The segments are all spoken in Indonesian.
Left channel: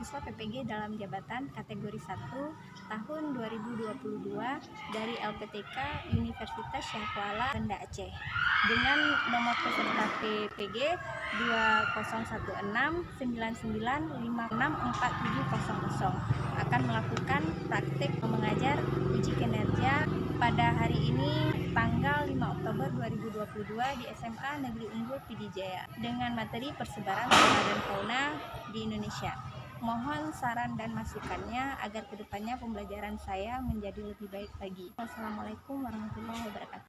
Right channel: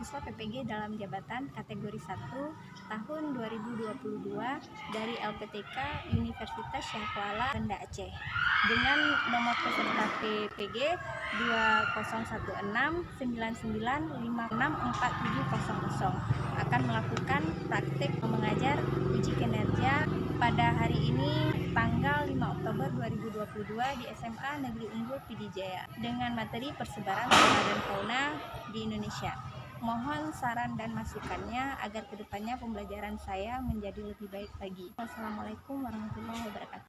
mahasiswa PPG dalam jabatan kategori 1 tahun 2022 dari LPTK Universitas Syahkuala, Banda Aceh dengan nomor peserta PPG 201699564700 akan melakukan praktik mengajar uji kinerja pada hari ini tanggal 5 Oktober 2022 di SMA Negeri Unggul Pidijaya dengan materi persebaran flora dan fauna di Indonesia. Mohon saran dan masukannya agar kedepannya pembelajaran saya menjadi lebih baik lagi. Wassalamualaikum warahmatullahi wabarakatuh.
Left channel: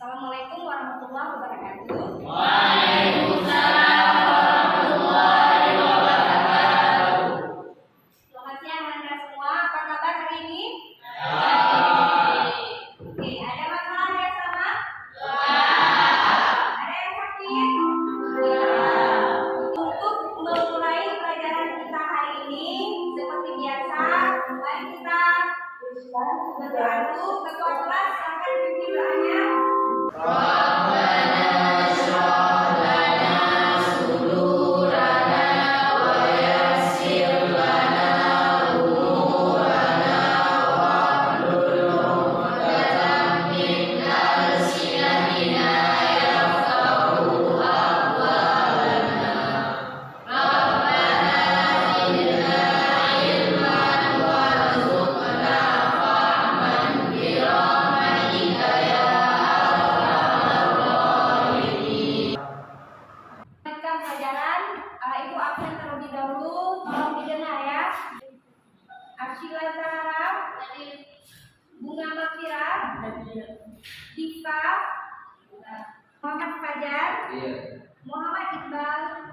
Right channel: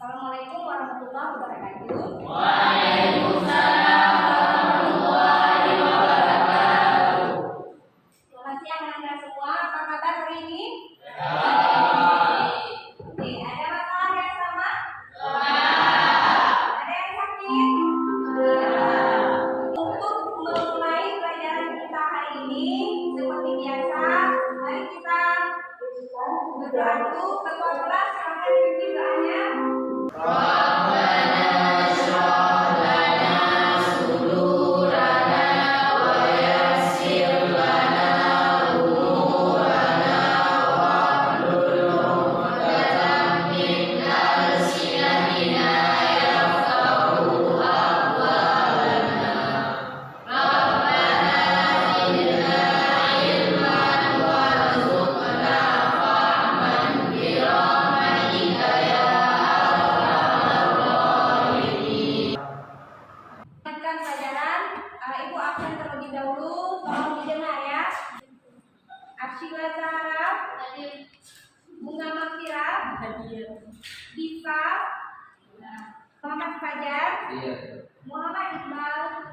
Assalamualaikum warahmatullahi wabarakatuh. Waalaikumsalam warahmatullahi wabarakatuh. Selamat siang anak-anak semua. Apa kabar hari ini? Baik. Oke, ada masalah yang sama? Enggak. Ada yang sakit? Untuk memulai pelajaran kita hari ini, seperti biasa, mari kita berdoa dulu. Ketua kelas silakan pimpin doanya. Rabbana shrah lana sudurana wa yassir lana umurana wahlul 'uqdatam min alsinatina yafqahu aqwalana. Rabbana zidna ilman warzuqna fahman bi rahmatika ya Lanjutkan pelajaran. Ibu absen terlebih dahulu. Tolong didengar ya. Arsila Zahra, Bunga Makira, Diva, Muhammad Fajar, Muhammad Iqbal,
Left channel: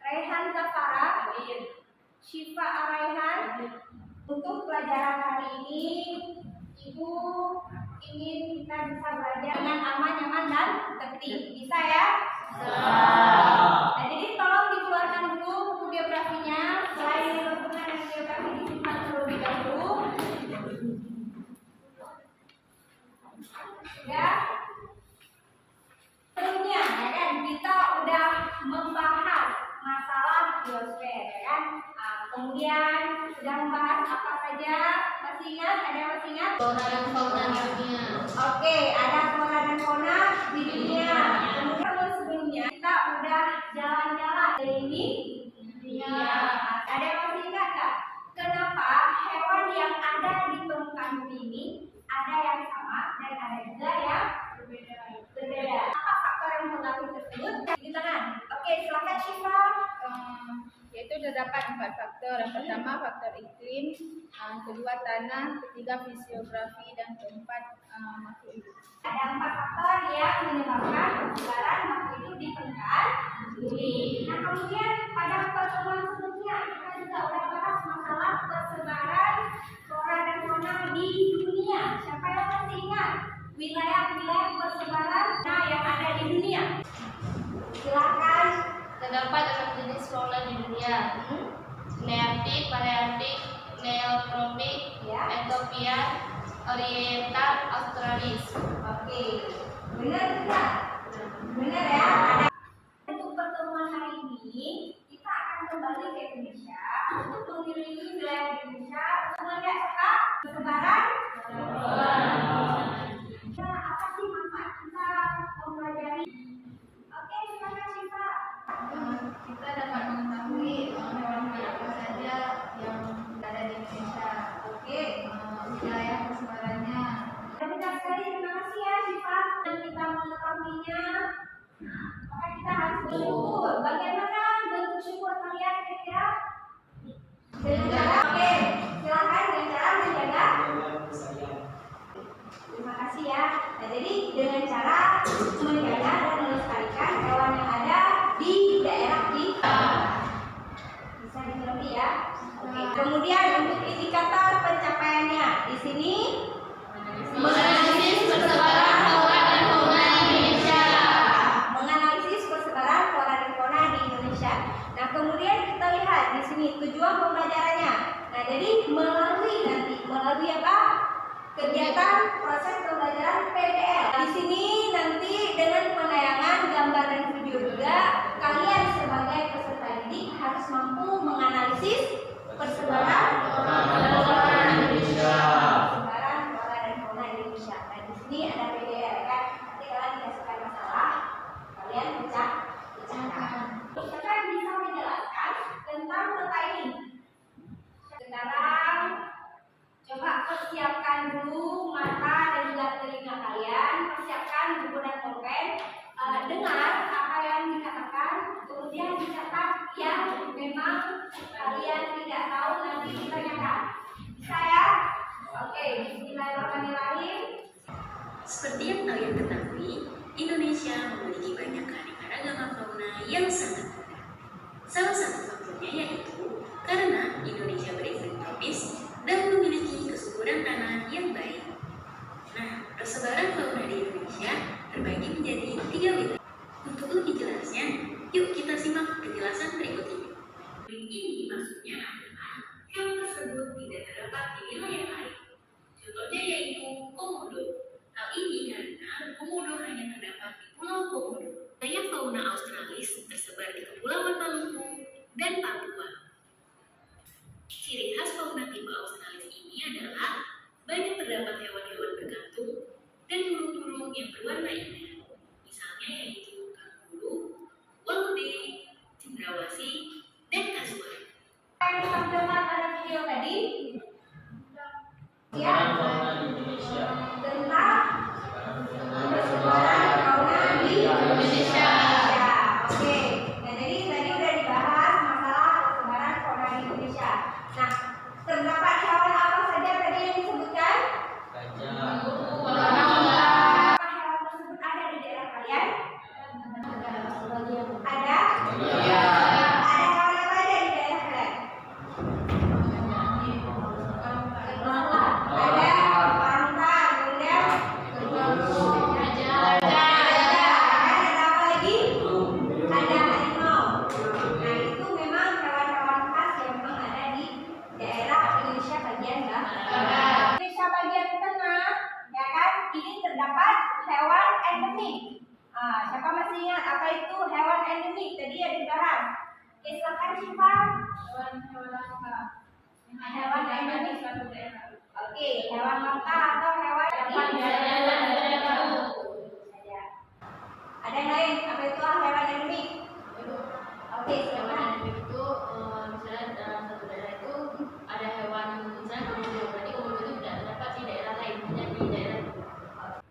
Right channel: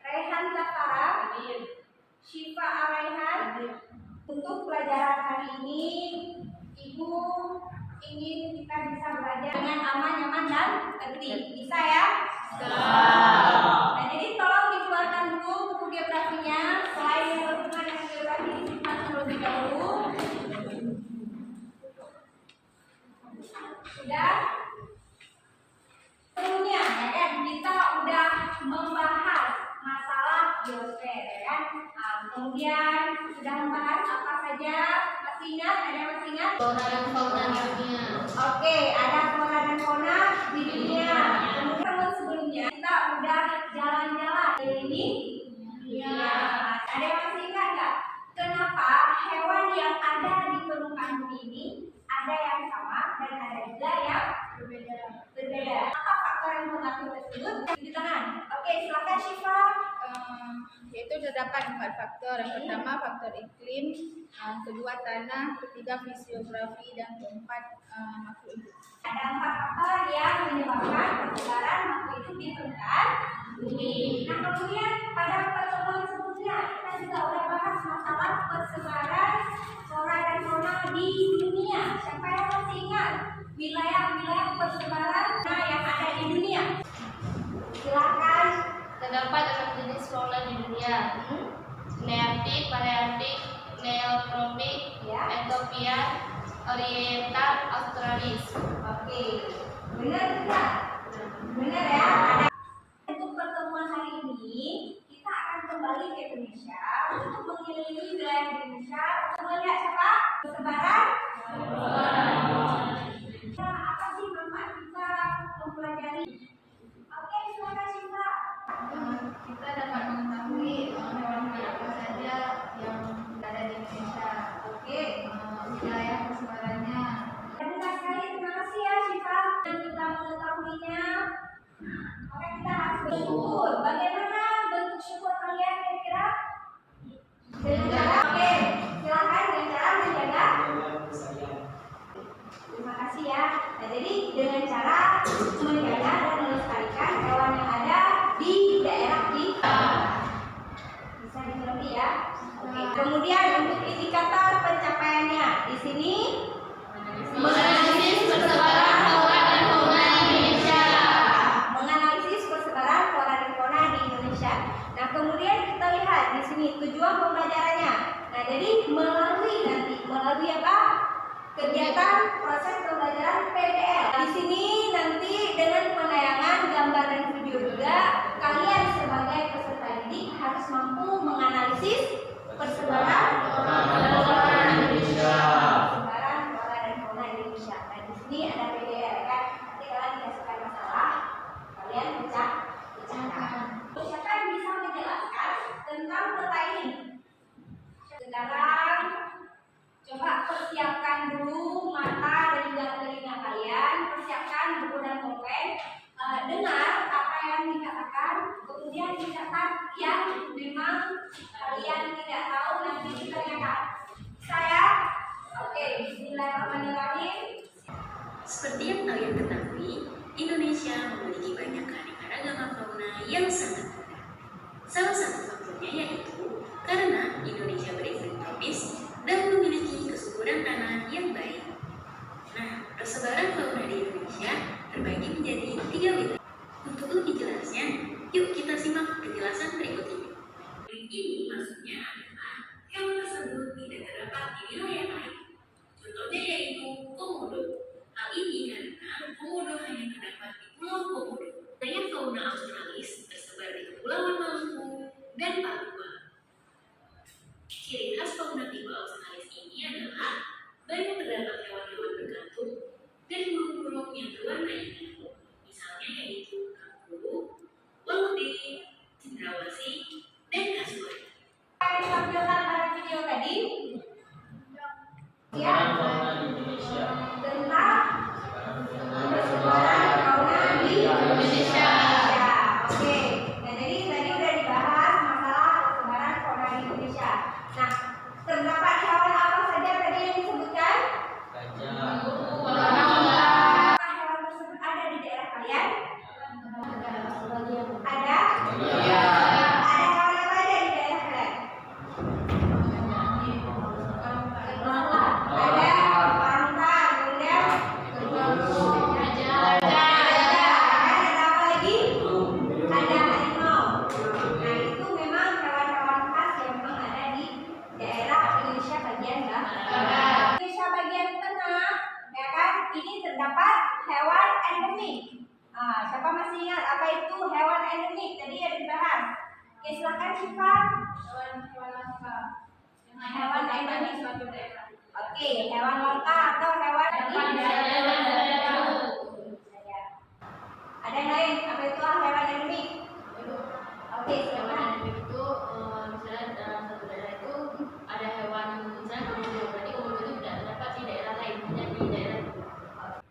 Raihan Zafara, Syifa Araihan. Untuk pelajaran hari ini, Ibu ingin kita bisa belajar dengan aman, nyaman, dan tertib. Bisa ya? Nah, jadi tolong dikeluarkan dulu buku geografinya. Selain yang berhubungan dengan geografi disimpan terlebih dahulu. Sudah? Sebelumnya, ya kan, kita udah membahas masalah biosfer, ya kan? Kemudian sudah membahas apa saja. Masih ingat? Ada yang masih ingat? Flora dan fauna di dunia. Oke, ada flora dan fauna di dunia. Kemudian sebelumnya kita udah jalan-jalan di dunia. Ada yang masih ingat nggak? Kenapa hewan yang ada di permukaan bumi ini ada yang sama dan ada juga yang berbeda? Apa faktor yang mempengaruhi tersebut? Di tangan. Oke, silakan Syifa. Yaitu terdapat 4 faktor. Yang pertama faktor iklim, kedua tanah, ketiga fisiografi, dan keempat makhluk hidup. Ada 4 faktor yang menyebabkan persebaran makhluk hidup di permukaan bumi. Nah, kemudian pada pertemuan sebelumnya kita juga sudah bahas masalah persebaran flora dan fauna di dunia. Siapa yang masih ingat wilayah-wilayah persebaran yang ada di dunia? Silakan. Terdapat 6 jenis fauna di dunia. Nearktik, Palearktik, Neotropik, Ethiopia, Oriental, Australis. Oke, benar tidak? Benar ya. Untuk pertemuan hari ini kita akan kembali ke Indonesia untuk mengelilingi wilayah Indonesia untuk melihat apa? Persebaran. Nah, apa sih manfaat kita mempelajari? Oke, silakan Syifa. Kita dapat mengetahui hewan-hewan apa saja yang ada di Indonesia. Oke. Wilayah persebarannya. Benar sekali, terima kasih ya Syifa. Dan kita mengetahuinya, maka kita harus bersyukur. Bagaimana bentuk syukur kalian kira-kira? Dengan cara, oke, silakan dengan cara menjaga. Terima kasih ya. Nah, jadi dengan cara menjaga dan melestarikan hewan yang ada di daerah kita. Bisa dimengerti ya. Oke. Kemudian untuk indikator pencapaiannya di sini Menganalisis persebaran flora dan fauna di Indonesia. menganalisis persebaran flora dan fauna di Indonesia. Nah, kemudian tujuan pembelajarannya. Nah, jadi melalui apa? Kegiatan proses pembelajaran PBL. Di sini nanti dengan penayangan gambar dan video juga, kalian sebagai peserta didik harus mampu menganalisis persebaran flora dan fauna Indonesia. Nah, di sini ada PBL kan. Nanti kalian dikasihkan masalah, kalian pecahkan. Misalkan bisa menjelaskan tentang peta ini. Sekarang coba persiapkan dulu mata dan juga telinga kalian, persiapkan buku dan pulpen, dengar apa yang dikatakan, kemudian dicatat yang memang kalian tidak tahu nanti ditanyakan. Bisa ya? Oke, bismillahirrahmanirrahim. Seperti yang kalian ketahui, Indonesia memiliki banyak keanekaragaman fauna yang sangat unik. Salah satu faktornya yaitu karena Indonesia beriklim tropis dan memiliki kesuburan tanah yang baik. Nah, persebaran fauna di Indonesia terbagi menjadi 3 wilayah. Untuk lebih jelasnya, yuk kita simak penjelasan berikut ini. Ini maksudnya adalah hewan tersebut tidak terdapat di wilayah lain. Contohnya yaitu komodo. Hal ini karena komodo hanya terdapat di Pulau Komodo. Wilayah fauna Australis tersebar di Kepulauan Maluku dan Papua. Ciri khas fauna tipe Australis ini adalah banyak terdapat hewan-hewan berkantung dan burung-burung yang berwarna indah. Misalnya yaitu kanguru, walude, cendrawasih, dan kasuari. Yang ditampilkan pada video tadi ya, fauna di Indonesia. Tentang persebaran fauna di Indonesia. Oke. Nah, jadi tadi udah dibahas masalah persebaran fauna di Indonesia. Nah, terdapat hewan apa saja tadi yang disebutkan? Gajah. Apakah hewan tersebut ada di daerah kalian? Ada? Iya. Ada hewan apa aja di daerah kalian? Ada pantang, kemudian ada apa lagi? Ada harimau. Nah, itu memang hewan-hewan khas yang memang ada di daerah Indonesia bagian barat. Indonesia bagian tengah, ya kan? Ini terdapat hewan endemik. Siapa masih ingat apa itu hewan endemik? Tadi ada dibahas. Oke, silakan Syifa. Hewan langka. Hewan endemik. Suatu daerah. Oke, hewan langka atau hewan ada yang lain? Apa itu hewan endemik? Oke, silakan. Itu misalnya dalam satu daerah itu ada hewan misalnya komodo, berarti komodo itu tidak terdapat di daerah lain, hanya di daerah itu.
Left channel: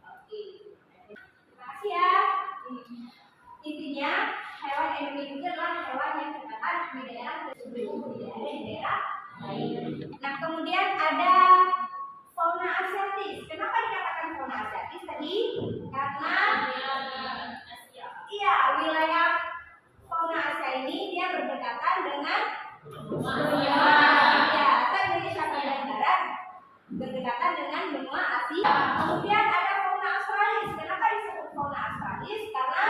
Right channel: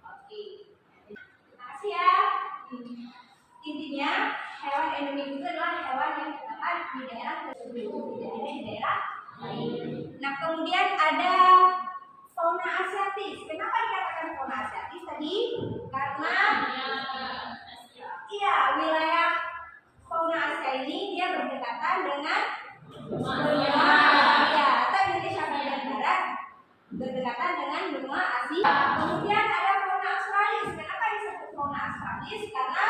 Oke. Terima kasih ya. Intinya hewan endemik itu adalah hewan yang terdapat di daerah tersebut, tidak ada di daerah lain. Nah, kemudian ada fauna asiatis. Kenapa dikatakan fauna asiatis tadi? Karena wilayah fauna Asia ini dia berdekatan dengan benua Asia atau Indonesia bagian barat berdekatan dengan benua Asia. Kemudian ada fauna Australis. Kenapa disebut fauna Australis? Karena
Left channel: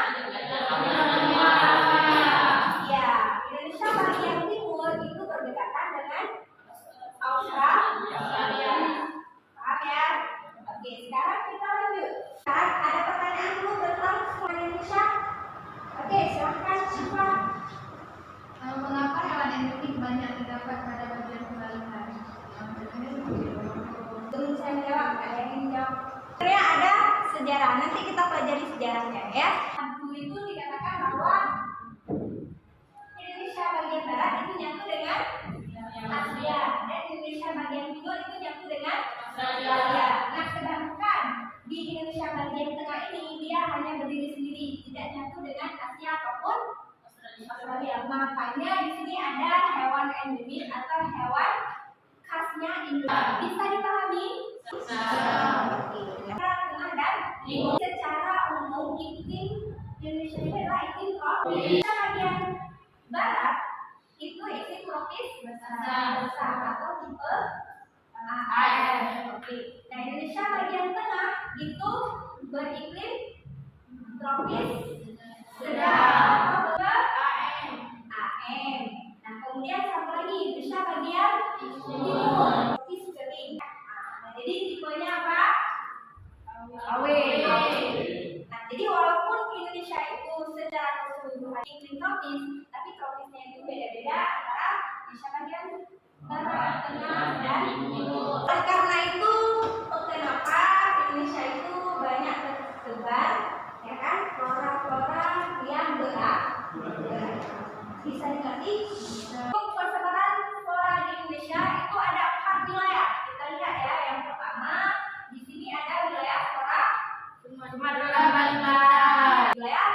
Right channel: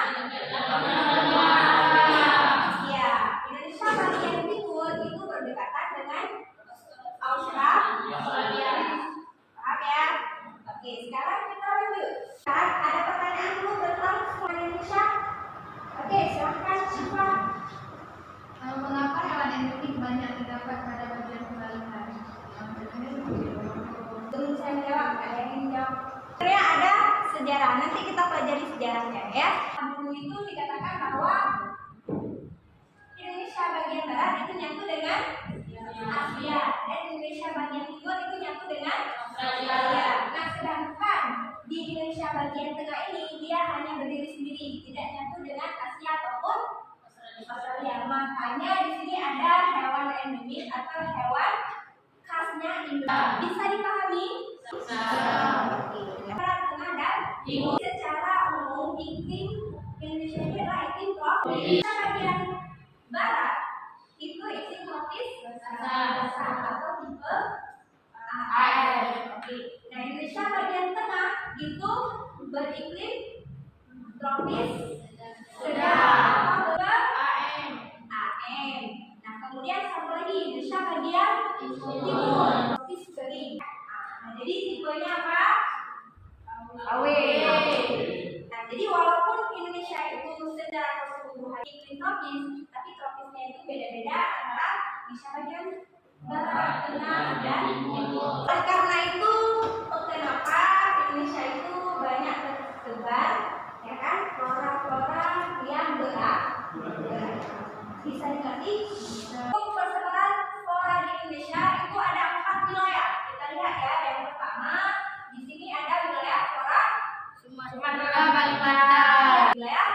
Indonesia bagian timur itu berdekatan dengan Australia. Paham ya? Oke, sekarang kita lanjut. Sekarang ada pertanyaan dulu tentang fauna Indonesia. Oke, silahkan Syifa. Mengapa hewan endemik banyak terdapat pada bagian kebalikan? Sebelum saya menjawab, ada yang menjawab. Sebenarnya ada sejarah. Nanti kita pelajari sejarahnya ya. Dulu itu dikatakan bahwa Indonesia bagian barat itu nyatu dengan Asia dan Indonesia bagian timur itu nyatu dengan Australia. Nah, sedangkan di Indonesia bagian tengah ini dia hanya berdiri sendiri, tidak nyatu dengan Asia ataupun Australia. Makanya di sini ada hewan endemik atau hewan khasnya Indonesia. Bisa dipahami? Bisa. Oke. Tengah dan timur. Secara umum iklim Indonesia ini adalah iklim tropis. Bagian barat itu iklim tropis basah atau tipe AM. Oke. Nah, Indonesia bagian tengah itu beriklim tropis sedang atau AM. Nah, kemudian satu lagi Indonesia bagian timur, tropis kering. Nah, jadi tipenya apa? AW. Nah, jadi walaupun Indonesia itu secara keseluruhan iklim tropis, tapi tropisnya itu beda-beda antara Indonesia bagian barat, tengah, dan timur. Oleh karena itu, kenapa Indonesia itu banyak tersebar, ya kan, flora-flora yang berat. Bisa dimengerti? Untuk persebaran flora di Indonesia itu ada 4 wilayah. Kita lihat ya, yang pertama di sini ada wilayah flora Sumatera Barat. Wilayah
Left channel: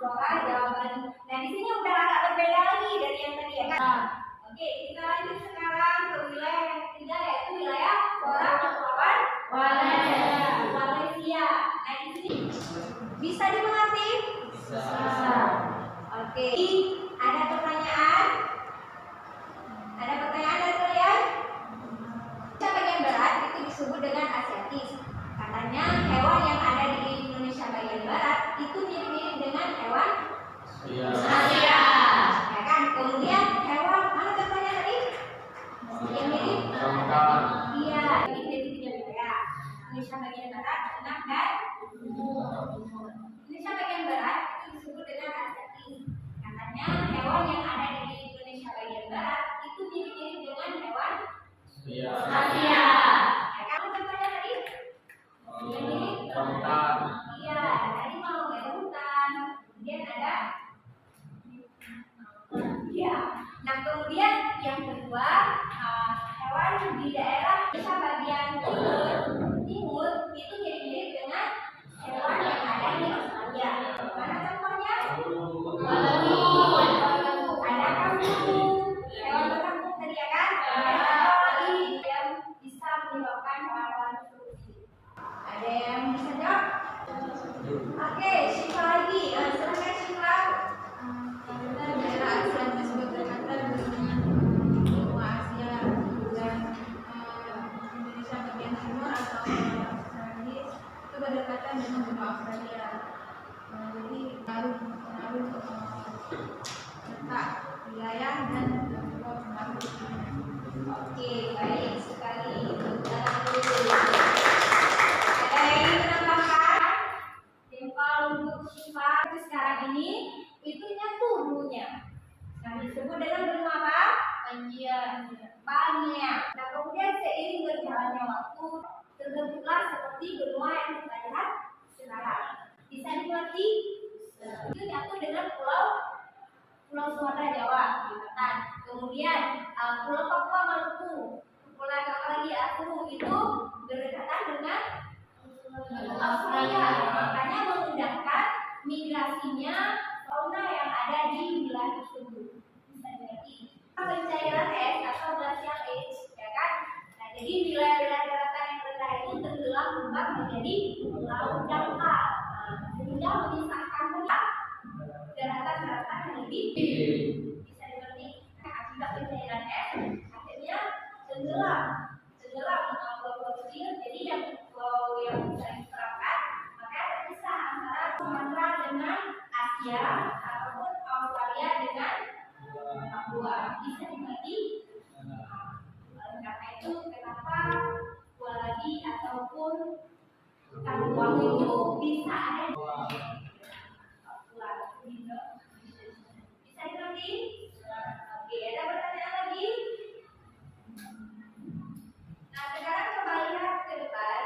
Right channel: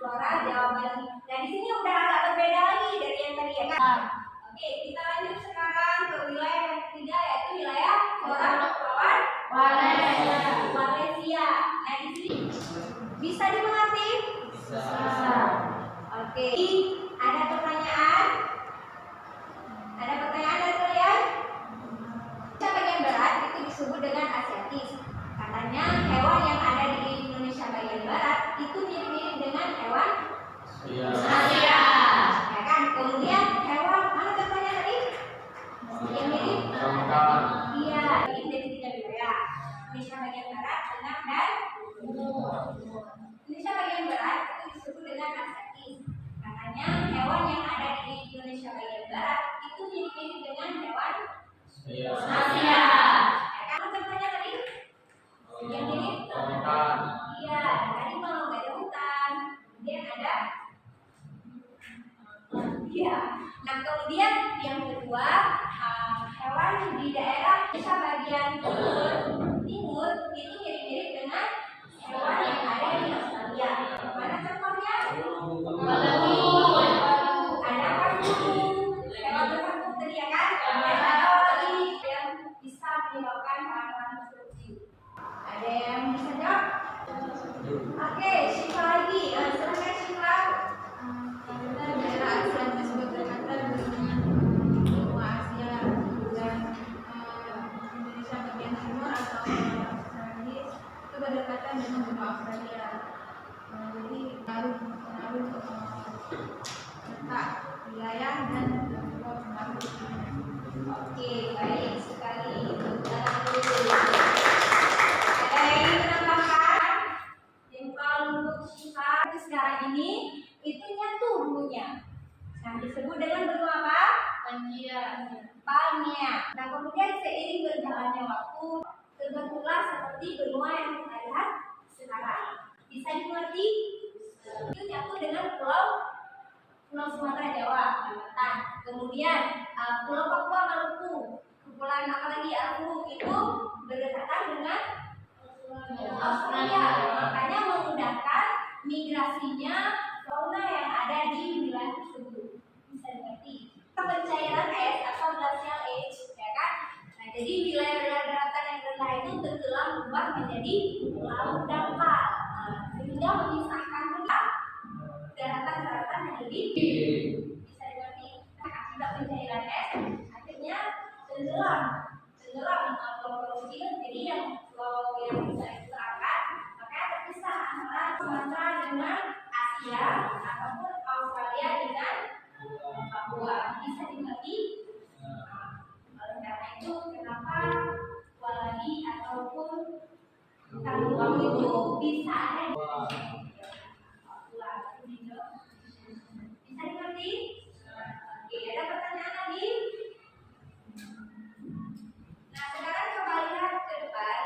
flora Jawa Bali. Nah, di sini udah agak berbeda lagi dari yang tadi ya kan. Oke, kita lanjut sekarang ke wilayah yang ketiga, yaitu wilayah flora Kepulauan Malaysia. Nah, di sini bisa dimengerti? Bisa. Oke. Ada pertanyaan? Ada pertanyaan dari kalian? Indonesia bagian barat itu disebut dengan Asiatis. Katanya hewan yang ada di Indonesia bagian barat itu mirip-mirip dengan hewan Asia. Ya kan? Kemudian hewan mana contohnya tadi? Yang mirip? Iya, ini dari 3 wilayah. Indonesia bagian barat, tengah, dan timur. Indonesia bagian barat itu disebut dengan Asiatis. Katanya hewan yang ada di Indonesia bagian barat itu mirip-mirip dengan hewan Asia. Ya kan? Contohnya tadi? Yang mirip? Iya, ada harimau, ada hutan. Kemudian ada iya. Nah, kemudian yang kedua, hewan di daerah Indonesia bagian timur itu mirip-mirip dengan hewan yang ada di Australia. Mana contohnya? Ada kanguru, hewan berkangkung tadi ya kan? Ada lagi yang bisa menyebabkan hewan-hewan seperti ada yang bisa jawab? Oke, Syifa lagi. Silakan Syifa. Karena daerah Asia disebut berdekatan dengan benua Asia dan Indonesia bagian timur atau Australia itu berdekatan dengan benua Australia. Jadi pengaruh letak wilayah dan juga pengaruh iklim. Oke, baik sekali. Ada yang ingin menambahkan? Info untuk Syifa itu sekarang ini itu nyatu dulunya. Nah, disebut dengan benua apa? Pangea. Nah, kemudian seiring berjalannya waktu terbentuklah seperti benua yang kita lihat sekarang. Bisa dimengerti? Itu nyatu dengan Pulau Sumatera Jawa, Kalimantan. Kemudian Pulau Papua Maluku, Kepulauan apalagi Aku itu berdekatan dengan Australia. Makanya memudahkan migrasinya fauna yang ada di wilayah tersebut. Bisa dimengerti? Pencairan es atau glacial age, ya kan? Nah, jadi wilayah-wilayah daratan yang rendah itu tenggelam berubah menjadi laut dangkal, sehingga memisahkan daratan-daratan yang lebih bisa dimengerti. Akibat pencairan es akhirnya tenggelam pulau-pulau kecil. Jadi yang pulau yang bisa diterapkan makanya terpisah antara Sumatera dengan Asia ataupun Australia dengan Papua. Bisa dimengerti? Oleh karena itu kenapa Waladi ataupun Kaluang itu bisa ada di Papua. Bisa dimengerti? Oke, ada pertanyaan lagi? Nah, sekarang coba lihat ke depan.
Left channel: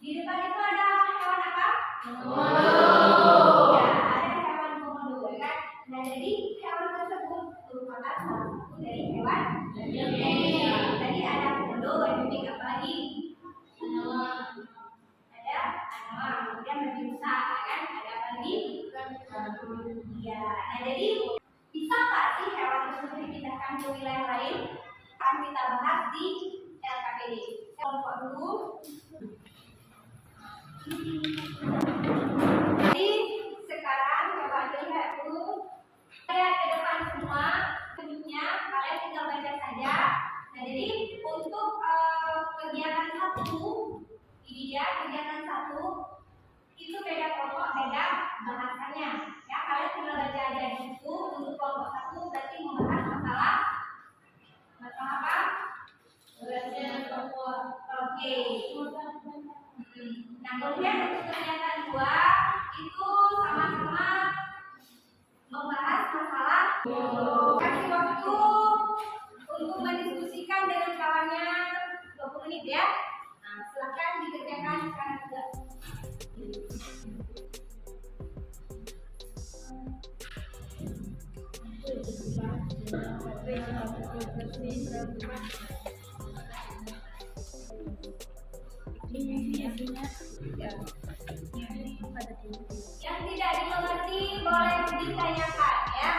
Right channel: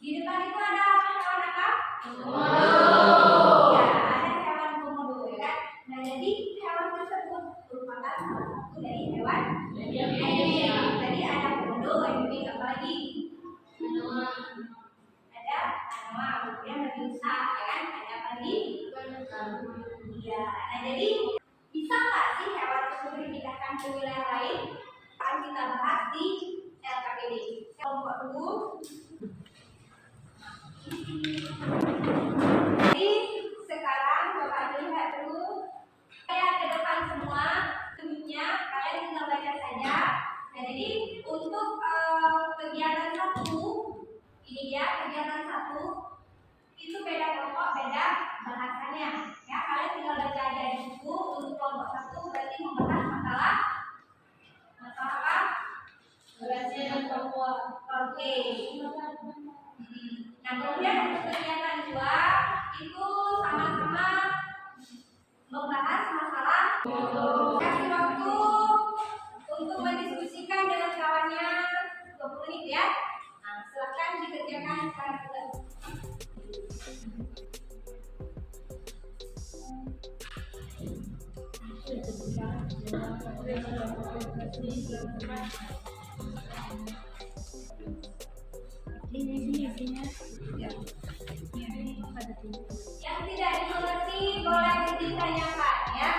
Di depan itu ada hewan apa? Ya, ada hewan komodo, ya kan? Nah, jadi hewan tersebut merupakan salah satu dari hewan endemik. Tadi ada komodo, endemik apa lagi? Ada anoa, kemudian berbusa, ya kan? Ada apa lagi? Iya. Nah, jadi bisa nggak sih hewan tersebut dipindahkan ke wilayah lain? Akan kita bahas di LKPD. Kelompok dulu. Jadi sekarang coba dilihat dulu. Lihat ke depan semua, bentuknya kalian tinggal baca saja. Nah, jadi untuk kegiatan 1, ini dia kegiatan 1 itu beda kelompok, beda bahasanya. Ya, kalian tinggal baca aja di buku. Untuk kelompok 1 berarti menit ya. Nah, silakan dikerjakan sekarang juga. Yang tidak dimengerti boleh ditanyakan ya.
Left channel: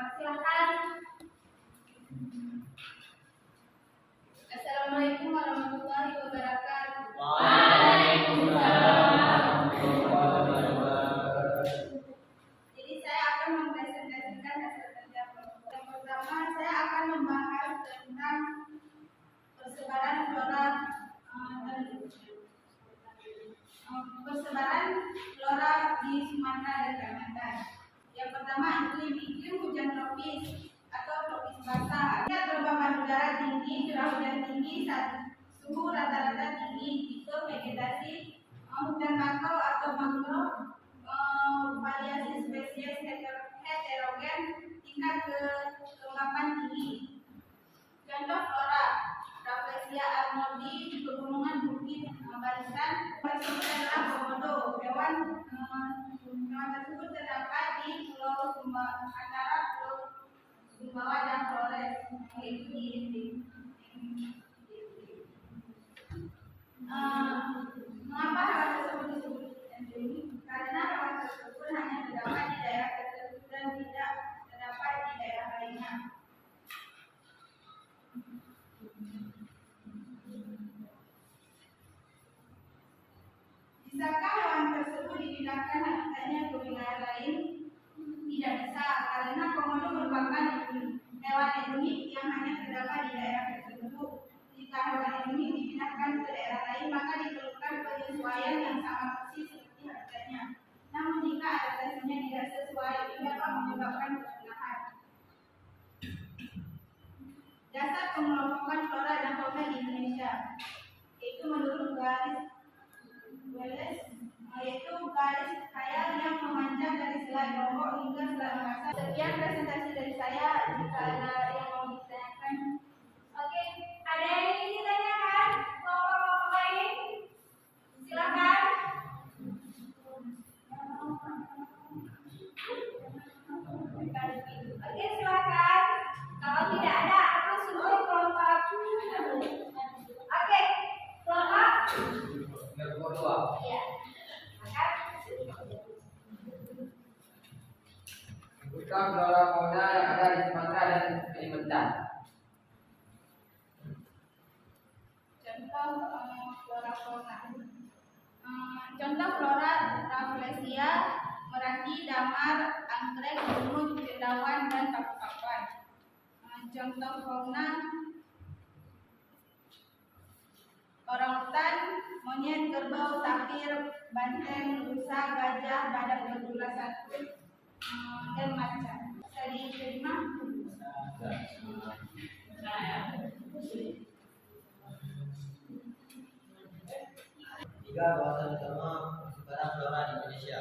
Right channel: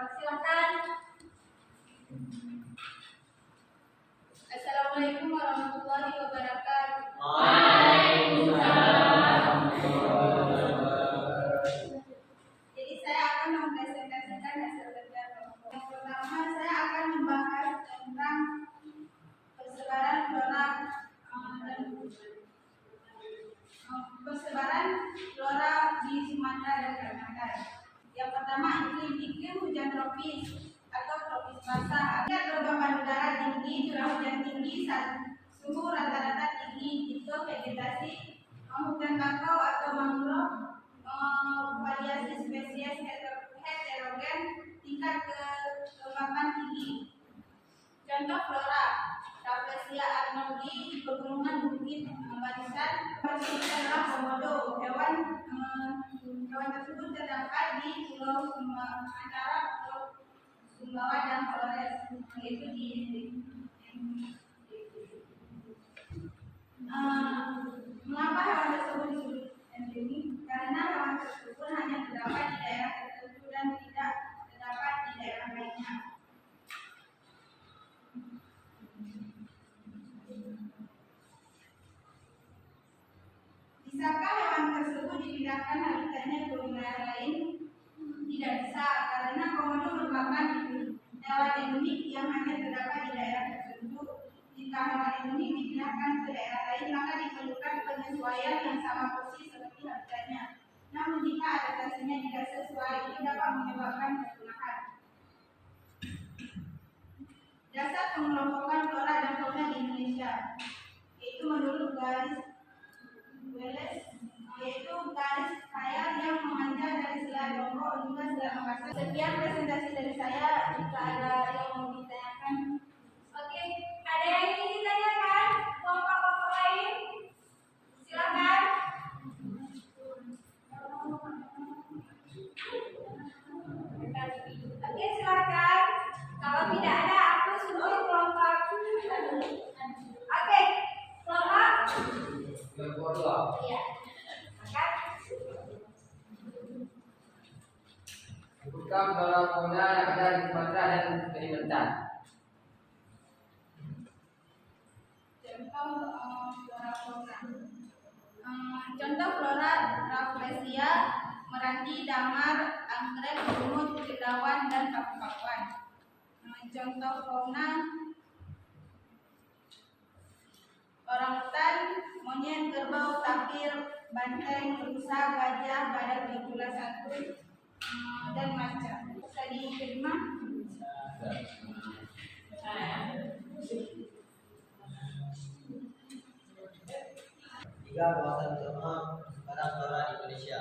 Silakan. Assalamualaikum warahmatullahi wabarakatuh. Jadi saya akan mempresentasikan hasil kerja kelompok. Yang pertama saya akan membahas tentang persebaran flora di Sumatera dan Kalimantan. Yang pertama iklim hujan tropis atau tropis basah. Kelembaban udara tinggi, curah hujan tinggi, suhu rata-rata tinggi, tipe vegetasi hutan bakau atau mangrove, variasi spesies heterogen, tingkat kelembapan tinggi. Contoh flora, Rafflesia arnoldi di pegunungan Bukit Barisan. Adalah komodo. Hewan tersebut terdapat di Pulau antara Pulau Sumbawa dan Flores, yaitu di mengapa hewan tersebut disebut endemik? Karena hewan tersebut hanya terdapat di daerah tertentu dan tidak terdapat di daerah lainnya. Bisakah hewan tersebut dipindahkan habitatnya ke wilayah lain? Tidak bisa, karena komodo merupakan hewan endemik yang hanya terdapat di daerah tertentu. Jika hewan endemik dipindahkan ke daerah lain, maka diperlukan penyesuaian yang sama persis seperti habitatnya. Namun jika adaptasinya tidak sesuai, itu dapat menyebabkan kepunahan. Dasar pengelompokan flora dan fauna di Indonesia, yaitu menurut garis Wallace, yaitu garis khayal yang memanjang dari Selat Lombok hingga Selat Makassar. Sekian presentasi dari saya. Jika ada yang mau ditanyakan, oke, ada yang ingin ditanyakan? Kelompok lain, silakan. Oke, silakan. Kalau tidak ada, aku suruh kelompok. Oke, kelompok. Iya. Maka sebutkan flora fauna yang ada di Sumatera dan Kalimantan. Contoh flora fauna. Contoh flora Rafflesia, meranti, damar, anggrek, lumut, cendawan, dan paku-pakuan. Contoh fauna orangutan, monyet, kerbau, tapir, banteng, rusa, gajah, badak bergula satu, dan macan. Bisa diterima? Tiga kawasan utama persebaran flora di Indonesia.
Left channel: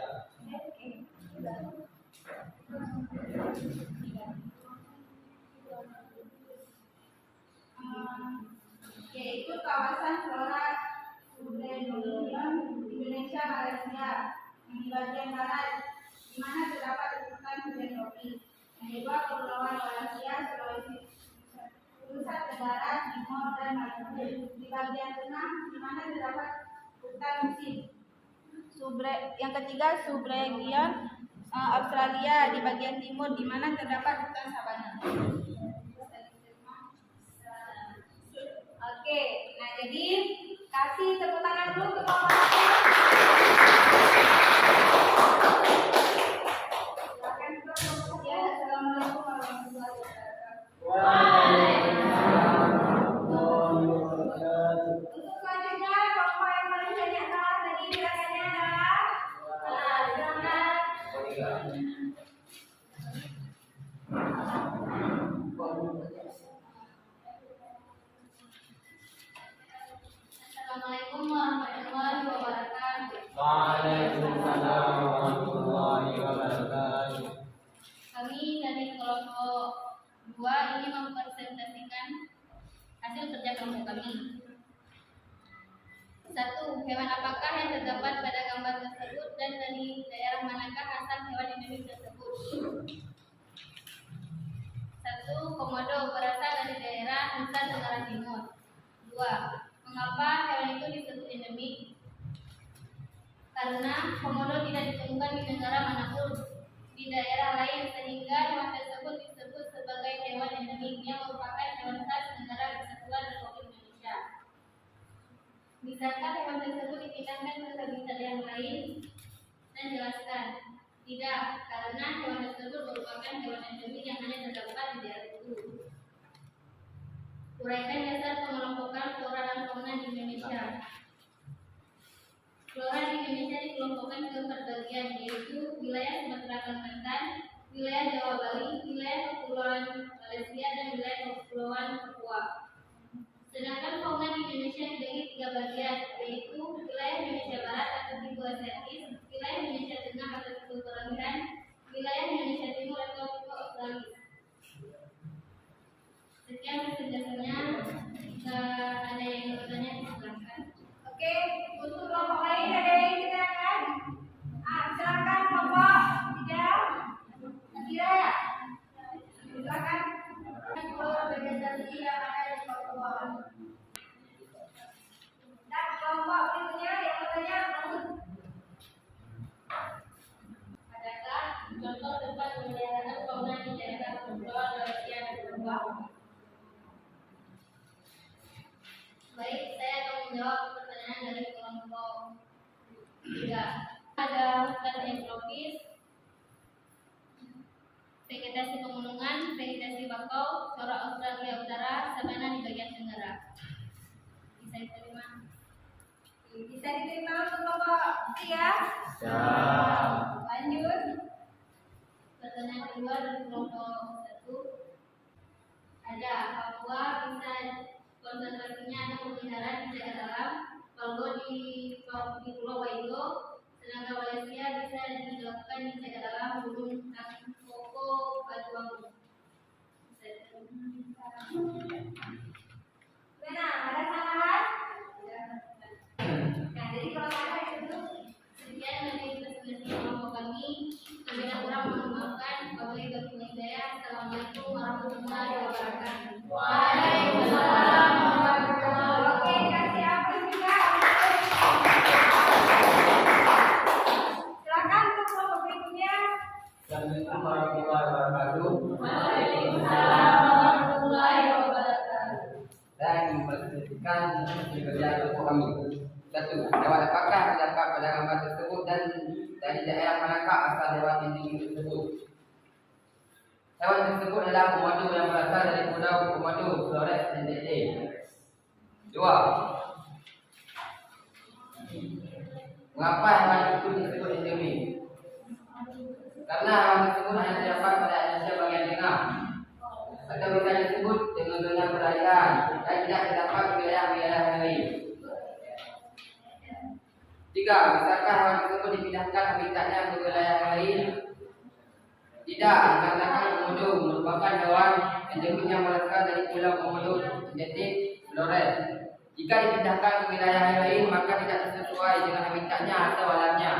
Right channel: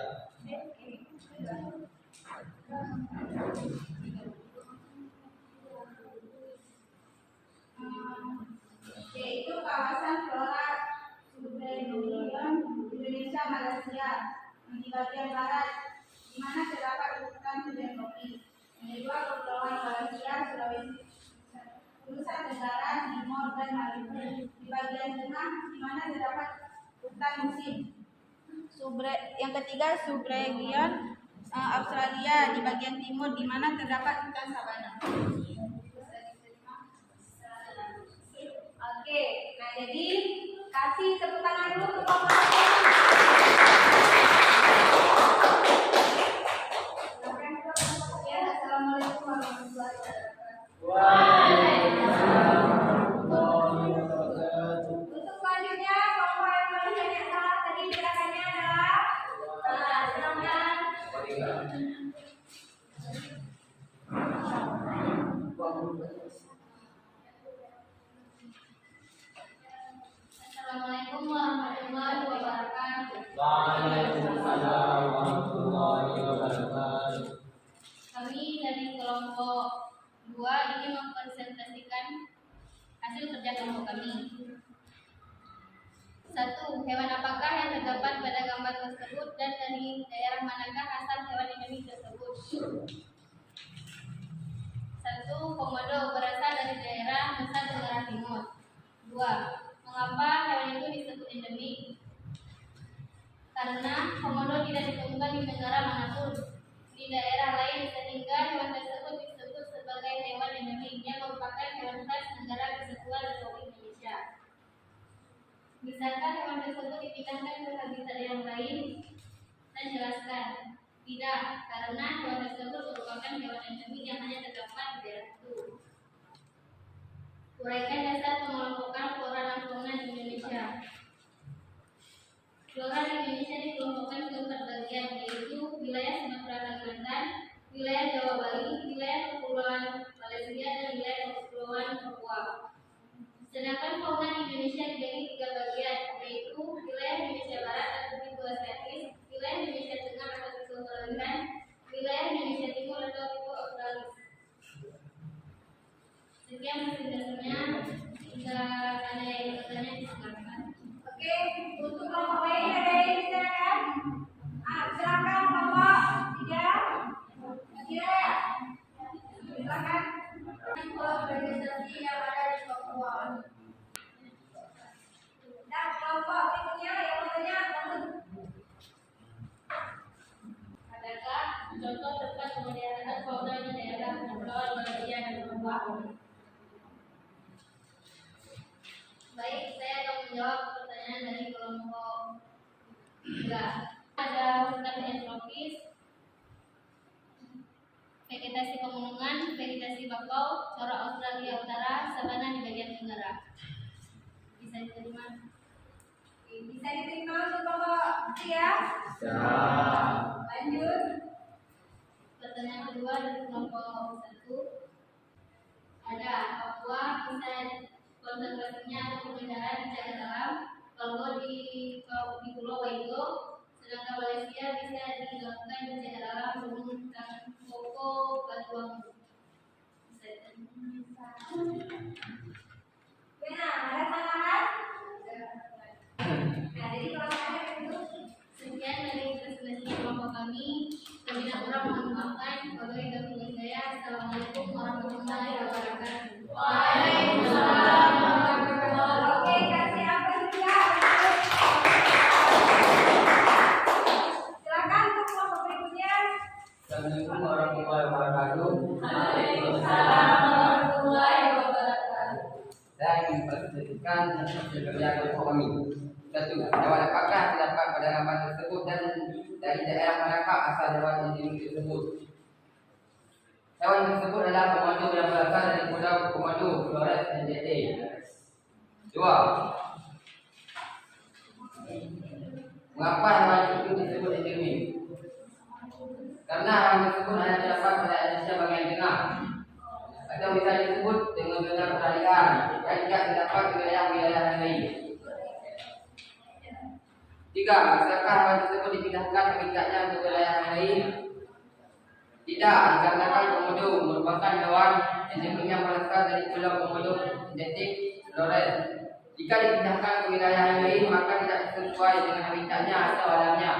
Yaitu kawasan flora subregional Indonesia Malaysia di bagian barat, di mana terdapat hutan hujan tropis. Yang kedua Kepulauan Malaysia, Sulawesi, Nusa Tenggara Timur, dan Maluku. Di bagian tengah, di mana terdapat hutan musim. Yang ketiga subregion Australia di bagian timur, di mana terdapat hutan sabana. Oke, nah jadi kasih tepuk tangan dulu untuk kelompok satu. Silakan ke kelompok ya. Assalamualaikum warahmatullahi wabarakatuh. Untuk selanjutnya kelompok yang paling banyak salah tadi gerakannya adalah silakan. Assalamualaikum warahmatullahi wabarakatuh. Waalaikumsalam warahmatullahi wabarakatuh. Kami dari kelompok 2 ingin mempresentasikan hasil kerja kelompok kami. 1. Hewan apakah yang terdapat pada gambar tersebut dan dari daerah manakah asal hewan endemik tersebut? 1. Komodo berasal dari daerah Nusa Tenggara Timur. 2. Mengapa hewan itu disebut endemik? Karena komodo tidak ditemukan di negara manapun di daerah lain, sehingga hewan tersebut bisa merupakan hewan khas negara Kesatuan Republik Indonesia. Misalkan hewan tersebut dipindahkan ke habitat yang lain dan jelaskan. Tidak, karena hewan tersebut merupakan hewan endemik yang hanya terdapat di daerah itu. Uraikan dasar pengelompokan flora dan fauna di Indonesia. Flora di Indonesia dikelompokkan ke empat bagian, yaitu wilayah Sumatera Kalimantan, wilayah Jawa Bali, wilayah Kepulauan Malaysia, dan wilayah Kepulauan Papua. Sedangkan fauna di Indonesia dibagi tiga bagian, yaitu wilayah Indonesia Barat atau tipe asiatis, wilayah Indonesia Tengah atau tipe perairan, wilayah Indonesia Timur atau tipe australis. Sekian presentasinya. Jika ada yang bertanya, silakan. Oke, untuk kelompok lain ada yang ditanyakan? Silakan kelompok 3. Kira ya? Silakan. Vegetasi yang ada di Papua. Dan kelompok berikutnya yang bertanya Adakah contoh tempat pemeliharaan fauna di daerah Kepulauan Malaysia dan Papua? Baik, saya akan menjawab pertanyaan dari kelompok 3. Ada hutan tropis, vegetasi pegunungan, vegetasi bakau, corak Australia Utara, sabana di bagian tenggara. Bisa diterima? bisa diterima untuk kelompok 3? Lanjut. Pertanyaan kedua dari kelompok 1. Ada Papua bisa konservasinya atau pemeliharaan dijaga alam, kalau di Pulau Waigo, sedangkan Malaysia bisa dilakukan dijaga alam Gunung Tangkoko Batuang. Benar, ada tambahan? Nah, jadi kalau saya itu Sekian dari presentasi kelompok kami. Kami kurang mohon maafkan. Wabillahi taufiq wal hidayah. Assalamualaikum warahmatullahi wabarakatuh. Waalaikumsalam warahmatullahi wabarakatuh. Oke, kasih apa juga? Silakan untuk kelompok berikutnya. Assalamualaikum warahmatullahi wabarakatuh. Waalaikumsalam warahmatullahi wabarakatuh. Saya ingin mempresentasikan hasil kerja kelompok kami. 1. Hewan apakah terdapat pada gambar tersebut dan dari daerah manakah asal hewan endemik tersebut? Hewan tersebut adalah komodo yang berasal dari Pulau Komodo, Flores NTT. 2. Mengapa hewan itu disebut endemik? Karena hewan tersebut hanya terdapat pada Indonesia bagian tengah, atau bisa disebut dengan zona perairan dan tidak terdapat di wilayah-wilayah lain. 3. Bisakah hewan tersebut dipindahkan habitatnya ke wilayah lain? Tidak, dikarenakan komodo merupakan hewan endemik yang berasal dari Pulau Komodo, NTT, Flores. Jika dipindahkan ke wilayah lain, maka tidak sesuai dengan habitatnya atau alamnya.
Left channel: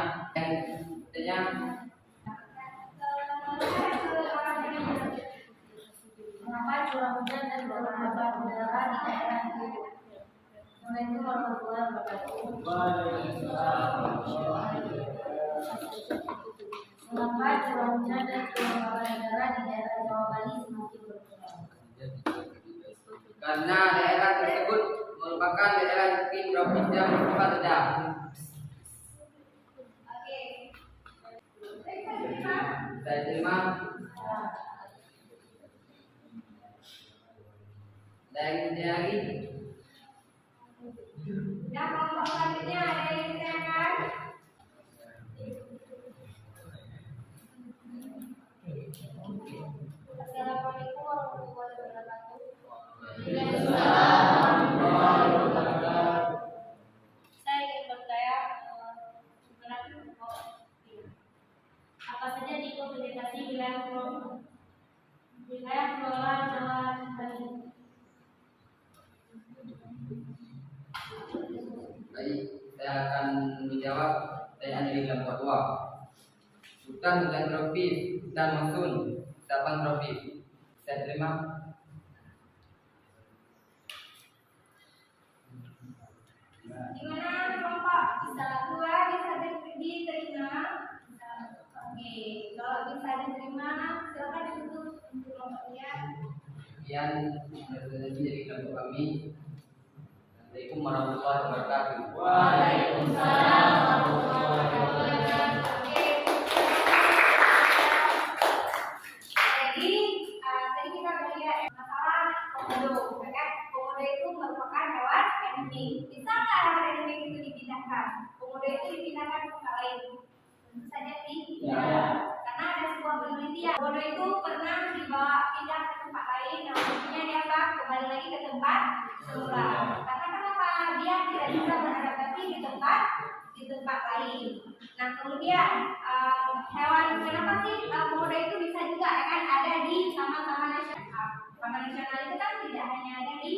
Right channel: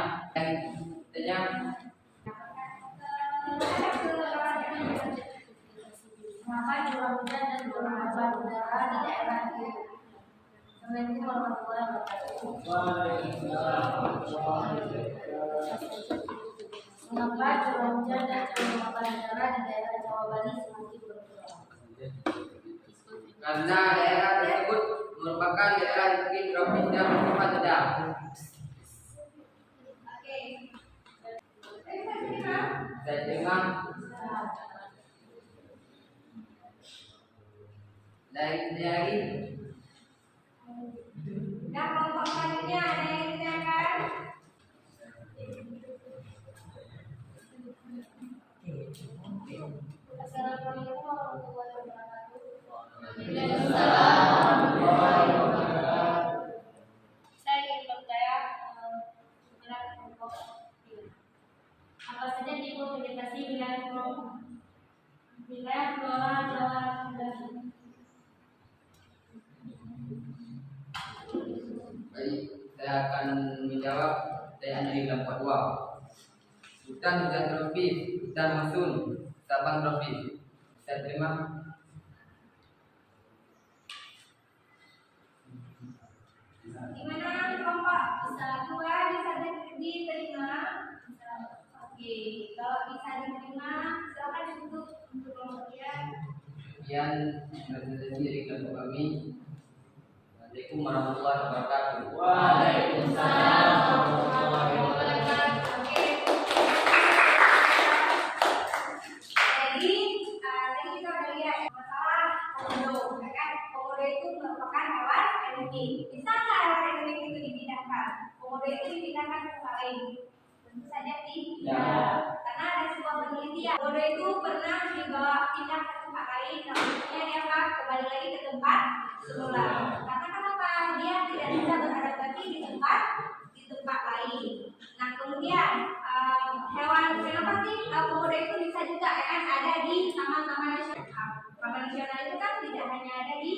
Mengapa curah hujan dan kelembaban udara di daerah itu? Assalamualaikum warahmatullahi wabarakatuh. Mengapa curah hujan dan kelembaban udara di daerah Jawa Bali semakin berkurang? Karena daerah tersebut merupakan daerah iklim tropis dan bersifat sedang. Oke. Saya terima. Saya terima. Dari Dan kelompok selanjutnya ada yang ditanyakan? Assalamualaikum warahmatullahi wabarakatuh. Saya ingin bertanya apa saja tipe vegetasi wilayah flora Jawa Bali? Baik, saya akan menjawab pertanyaan dari kelompok 2. Hutan tropis, hutan monsun, sabang tropis. Saya terima. Gimana kelompok? Dua bisa diterima? Oke, kalau bisa diterima, silakan ditutup untuk kelompok dia. Sekian presentasi dari kelompok kami. Assalamualaikum warahmatullahi wabarakatuh. Waalaikumsalam warahmatullahi wabarakatuh. Jadi tadi kita udah lihat masalah komodo, ya kan? Komodo itu merupakan hewan endemik. Bisa nggak hewan endemik itu dipindahkan? Komodo itu dipindahkan ke tempat lain? Tentu saja tidak. Karena ada sebuah penelitian. Komodo itu pernah dibawa pindah ke tempat lain, namunnya dia kembali lagi ke tempat semula. Karena kenapa? Dia tidak bisa beradaptasi di tempat lain. Nah kemudian hewan kenapa sih komodo itu bisa juga ya kan ada di taman-taman nasional. Taman nasional itu kan tidak hanya ada di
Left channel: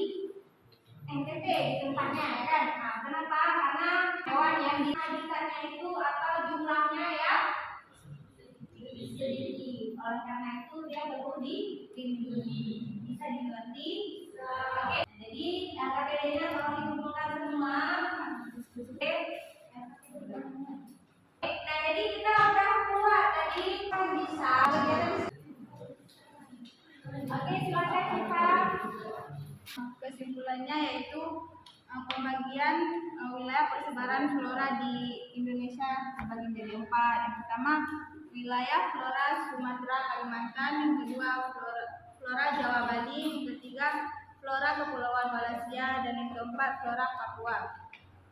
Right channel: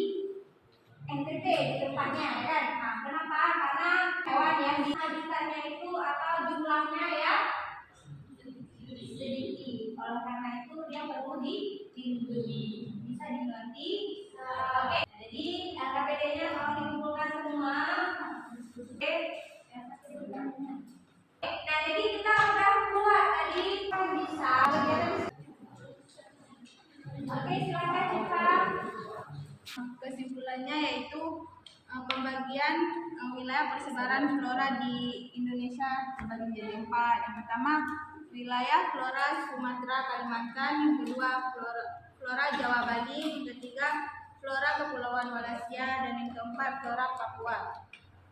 NTT di tempatnya ya kan. Nah, kenapa? Karena hewan yang dihabitatnya itu atau jumlahnya ya sedikit. Oleh karena itu dia perlu dilindungi. Bisa dimengerti? Oke. Jadi KPD-nya tolong dikumpulkan semua. Oke. Nah, jadi kita udah keluar tadi kan bisa. Oke, silakan Pak. Kesimpulannya yaitu pembagian wilayah persebaran flora di Indonesia terbagi menjadi 4. Yang pertama wilayah flora Sumatera Kalimantan, yang kedua flora Jawa Bali, yang ketiga flora Kepulauan Wallacea, dan yang keempat flora Papua.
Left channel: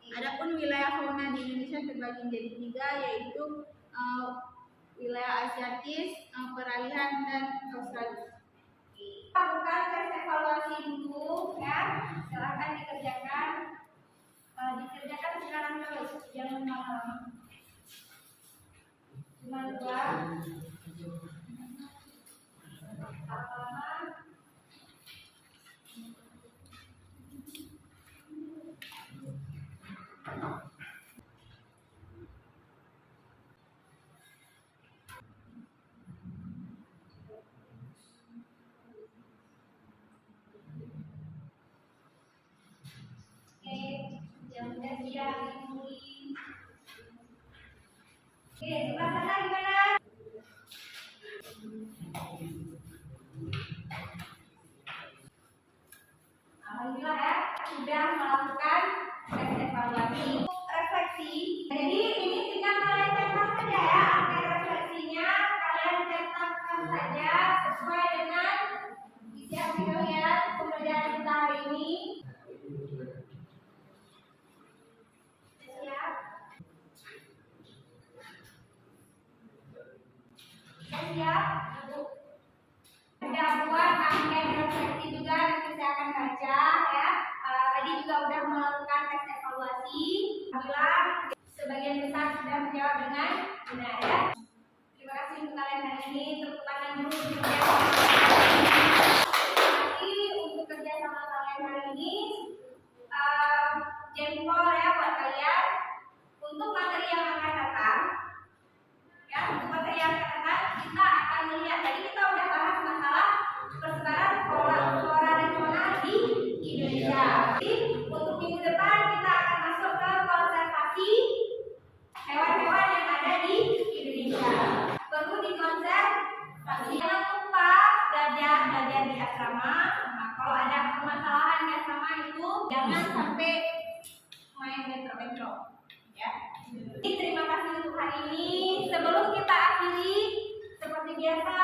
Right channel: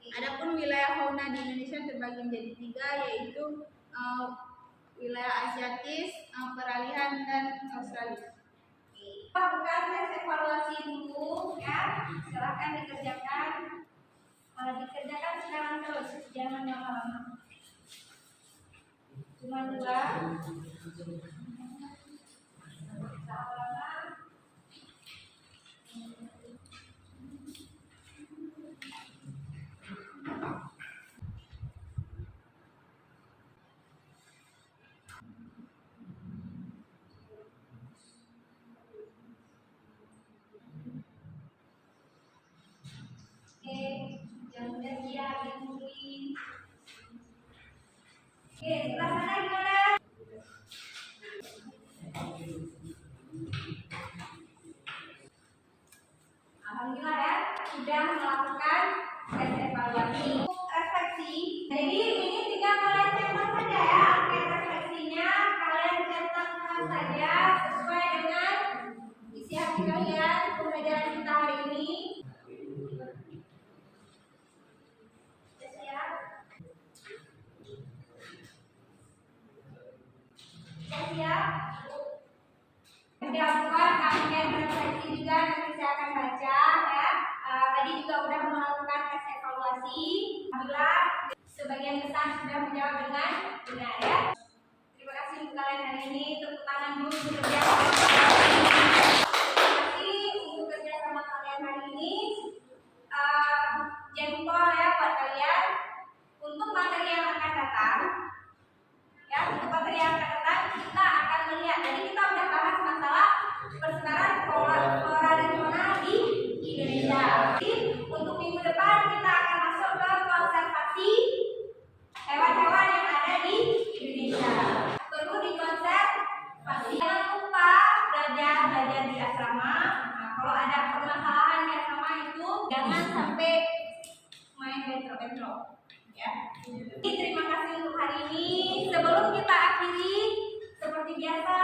Adapun wilayah fauna di Indonesia terbagi menjadi 3, yaitu wilayah Asiatis, peralihan, dan Australia. Lakukan tes evaluasi dulu ya, silahkan dikerjakan. Dikerjakan sekarang terus, jangan lama-lama. Cuma 2. Yang udah siap dimulai. Oke, sebelah sana gimana? Alhamdulillah ya, sudah melakukan tes evaluasi. Refleksi. Jadi ini tinggal kalian cetak saja ya. Hasil refleksinya kalian cetakkan saja sesuai dengan isi hati kalian pembelajaran kita hari ini. Siap? Sudah buat angket refleksi juga, nanti saya akan baca ya. Tadi juga sudah melakukan tes evaluasi. Alhamdulillah sebagian besar sudah menjawab dengan benar ya. Terima kasih untuk kalian hari ini. Tepuk tangan dulu untuk kerja sama kalian. Terima kasih untuk kerja sama kalian hari ini. Jempol ya buat kalian. Untuk materi yang akan datang. Ya, untuk materi yang akan datang kita akan melihat. Tadi kita udah bahas masalah persebaran flora dan fauna di Indonesia. Jadi untuk minggu depan kita akan masuk ke konservasi hewan-hewan yang ada di Indonesia. Perlu dikonservasi. Jangan lupa belajar di asrama. Nah, kalau ada permasalahan di asrama itu jangan sampai main bentrok-bentrok. Ya. Jadi terima kasih untuk hari ini. Sebelum kita akhiri, seperti biasa